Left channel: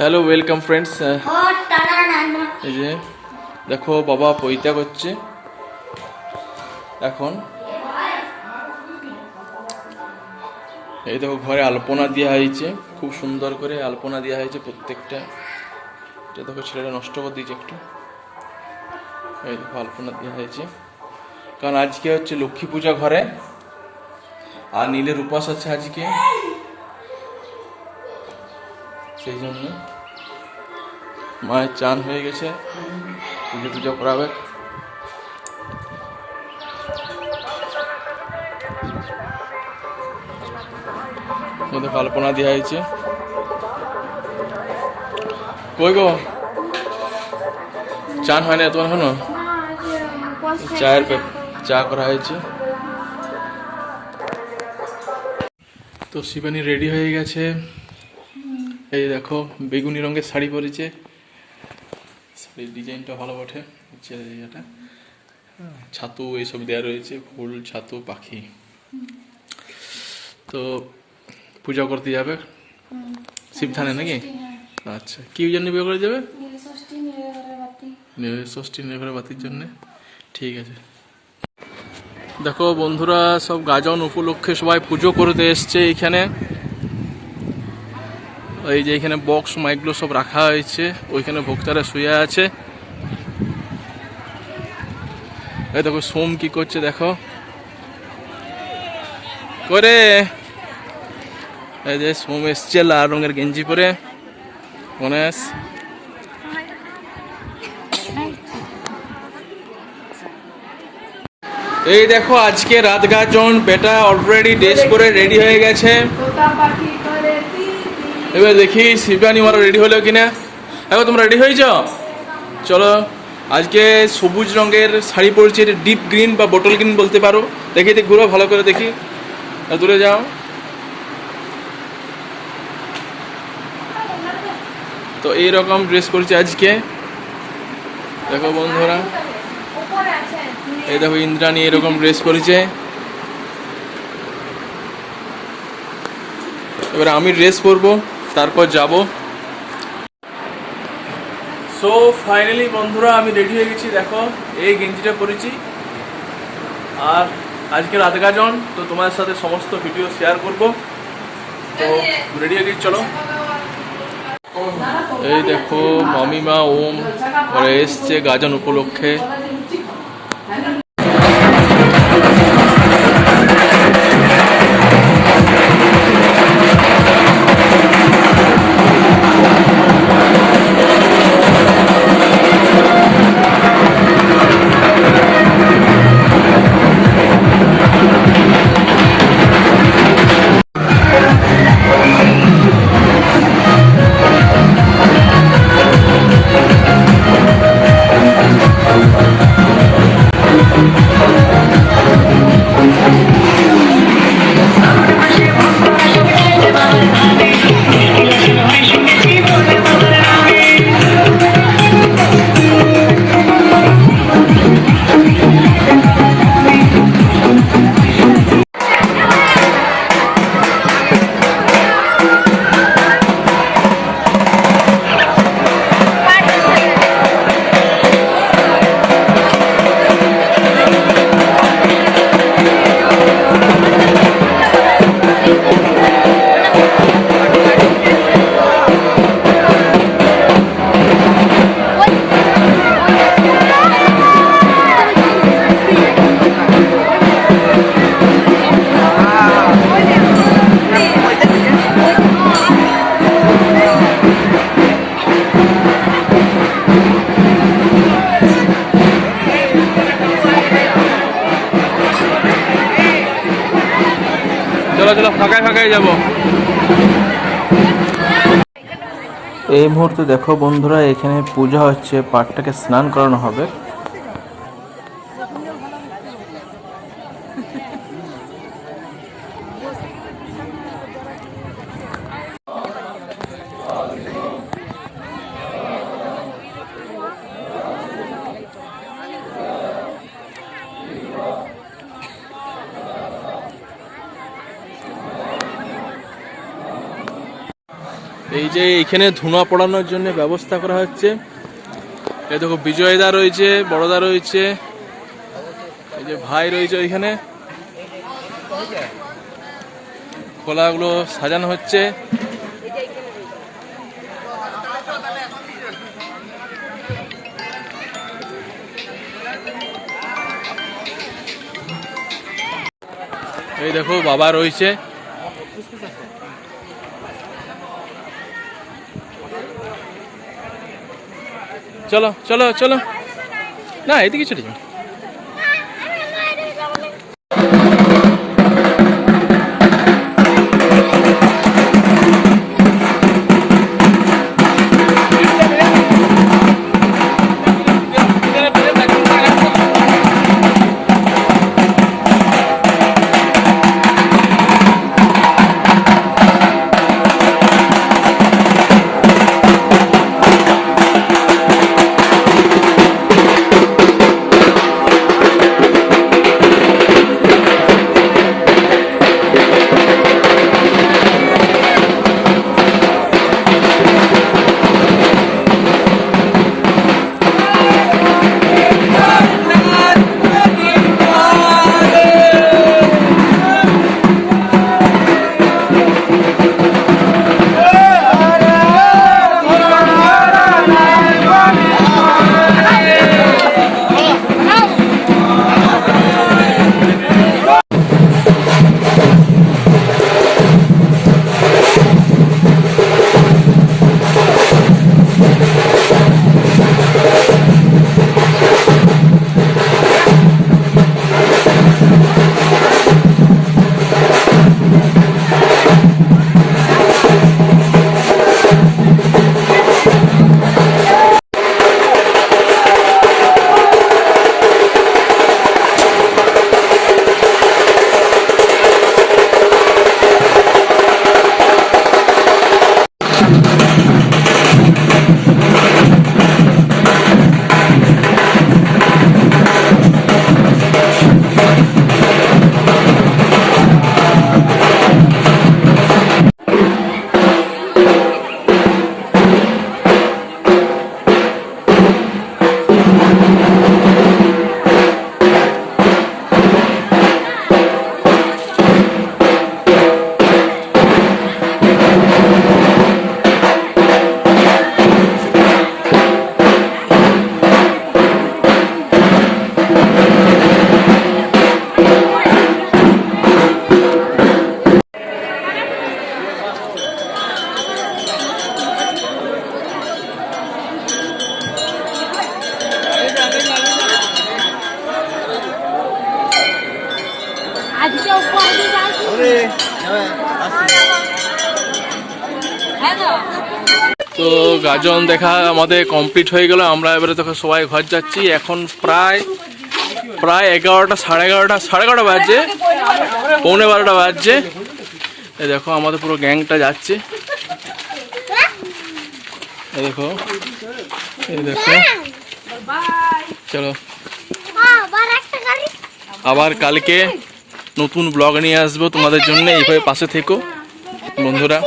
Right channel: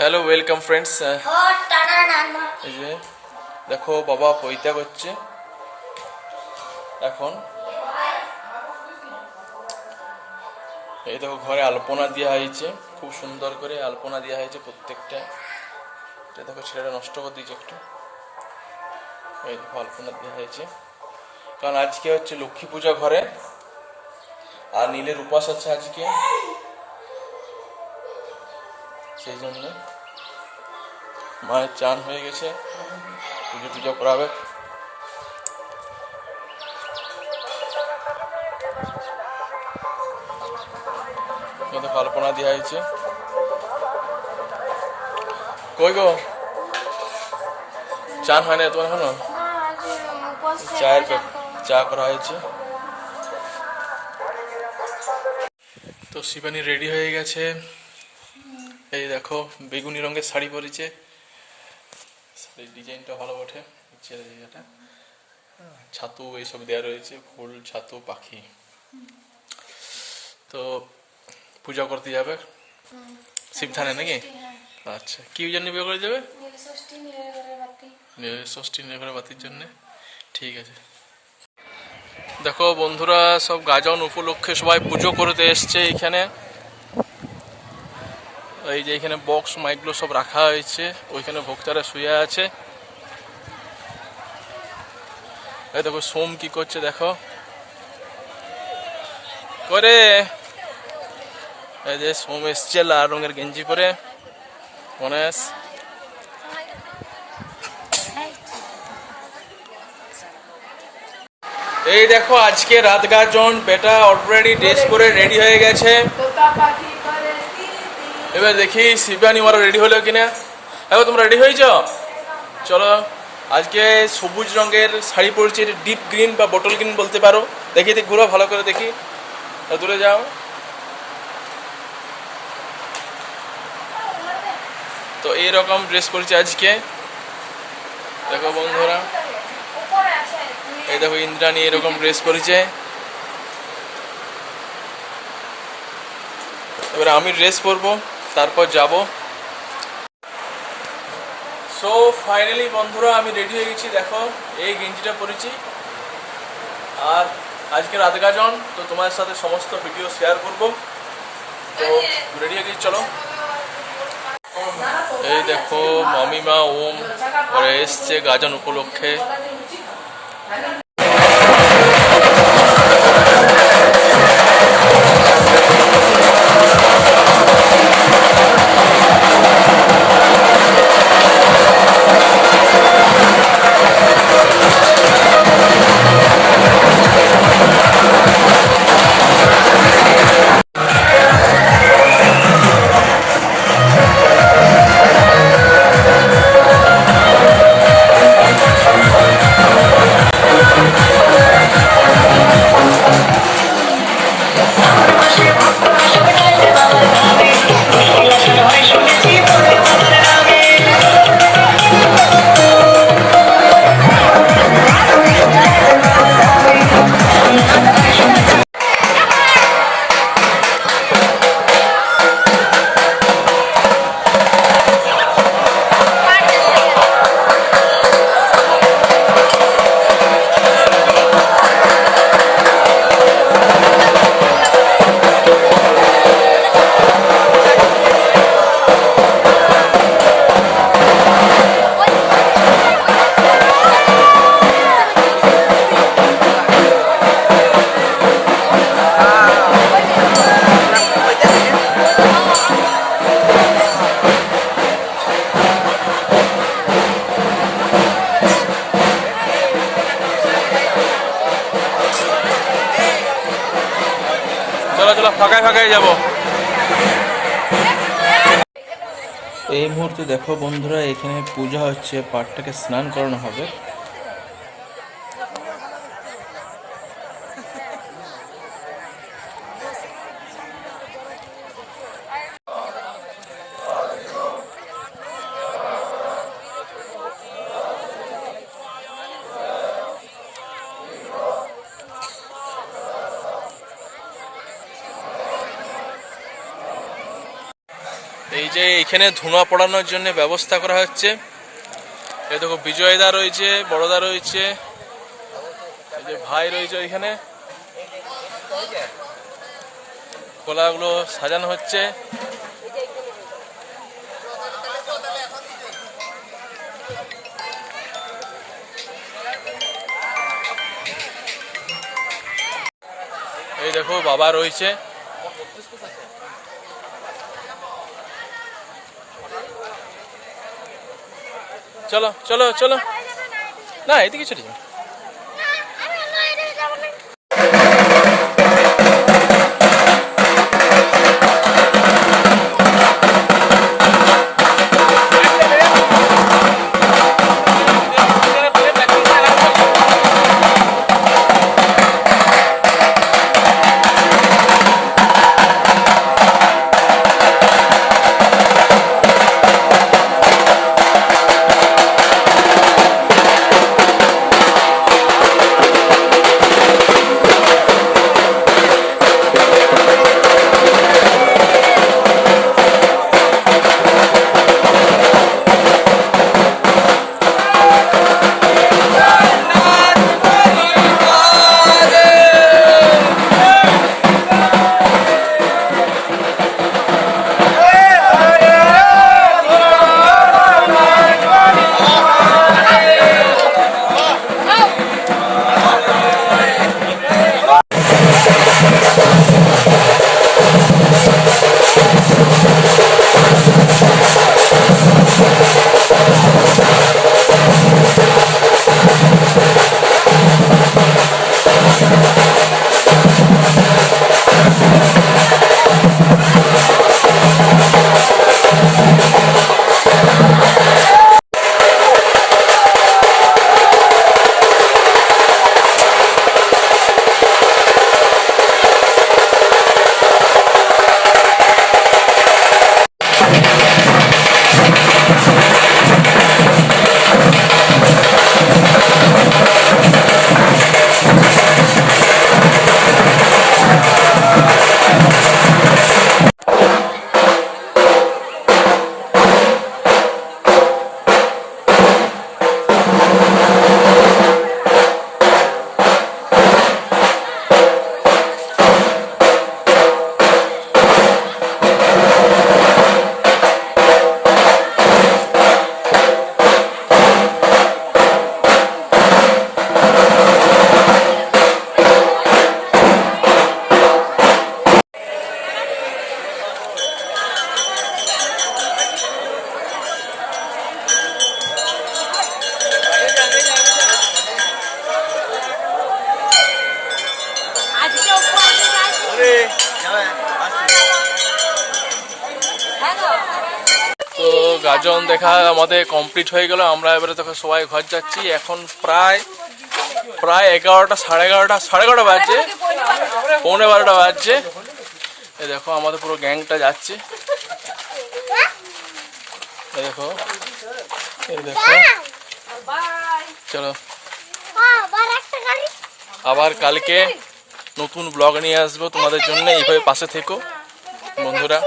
Hello welcome friends. এই যে দেখো বাবা পৈতা করছে এখন। এই দেখো ঘরে আলপনা দেওয়া হয়েছে, খুব সুন্দর করে আলপনা দেওয়া হয়েছে প্রত্যেকটা। এটা দেখো ছেলেটা নষ্ট করে দিয়েছে একটু। এই দেখো আলপনা দেওয়া হয়েছে, কারণ আজকে হচ্ছে লক্ষ্মী পূজা ঘরে, আর নীলের উপাস আছে আজকে, সেই জন্য মায়ের চান হয়ে গেছে, পুজো টুজো করাবে। দেখো আলপনা দেওয়া হয়েছে। কই গো চান হয় না তোমার এখনো? চা করা হয়েছে। তো শিবানী রেডি হয়ে গেছে। এই দেখো বেগুনি রঙের শাড়ি পরেছে, শাড়ির ডিজাইনটা ভালো বটে। এটা ছাতু এইসব দেওয়া রয়েছে, ফুল ছাতু পাখি। তো পূজা করতে যাবে শিবধানে নাকি? আচ্ছা, কি জন্য বিয়ে করে যাবে? ষষ্ঠী নির্ভরের বাতির জন্য। ঠিক আছে। দেখো বন্ধুরা, সব গাজন উপলক্ষে সবাই পুজো করতে এসছে এইখানে। এই যে এখানে বক্স মাইকগুলো সব রাখা হয়েছে, ওইখানে ভক্তরা শুয়ে আছে। এই দেখো সোম কি করছে দেখো করে। এই যে সোম এসছে লাল রঙের গেঞ্জি পরে। গণেশ এই দেখো আজকে রাত গাজন, বেটা অলরেডি ড্রেস করে রেডি হয়ে গেছে। এবার দেখি শিবানী ওরা রেডি হলো কিনা। এখন তোমরা রেডি হয়েছ? চলো। আজকে সবুজ রঙের শাড়ি পরেছে, ডিপ গ্রিন বা বোটল গ্রিন বলতে পারো। দেখি ঘুরো ভালো করে দেখি, দূরে যাও। তো এইরকম ড্রেস পরেছে আজকে। দেখো বন্ধুরা, এই দেখো ইন্দ্রাণী এরকম ড্রেস পরেছে। এবার আমি ড্রেস পরবো, তারপর যাব। সো ফাইনালি বন্ধুরা আমি রেডি হয়ে গেছি। দেখো এই গেঞ্জিটা পরেছি, আর আজকে রাত গাজন, তো তোমার সাথে সমস্ত ভিডিও শেয়ার করব। তো রেডি হয়ে গেছি, চলো। এই দেখো মামিমা ওম ঘরে এসছে গাজন উপলক্ষে। চলো চলো, ফাঁকায় ফাঁকায় যাবো। এই মুহূর্তে দেখো বন্ধুরা, এখানে পূজা হচ্ছে, পাঠটাকে স্নান করানো হবে। এই যে এইখানে ধুনা পড়ানোর জন্য ব্যবস্থা করা হচ্ছে। এই দেখো বিজয়দা রয়েছে, বড়দা রয়েছে, এই যে ভাই রয়েছে ওইখানে। খোলাগুলো সাজানো হচ্ছে। এই দেখো বাবা রয়েছে। চলো চলো চলো, না এদিকে চলে যাও। তো গাজন দেখা আমাদের কমপ্লিট হয়ে গেল। আমরা এবারে তখন সবাই ঘর যাচ্ছি। এখন প্রায় 11টা, সাড়ে 11টা বাজছে, পৌনে 12টা বাজছে। এই দেখো আমাদের পুরো গ্যাংটা যাচ্ছে। এই দেখো, এই দেখো, চলো আবার কালকে নতুন ব্লগ নিয়ে আসবো তোমাদের জন্য। এইভাবে পাশে থেকো বন্ধুরা।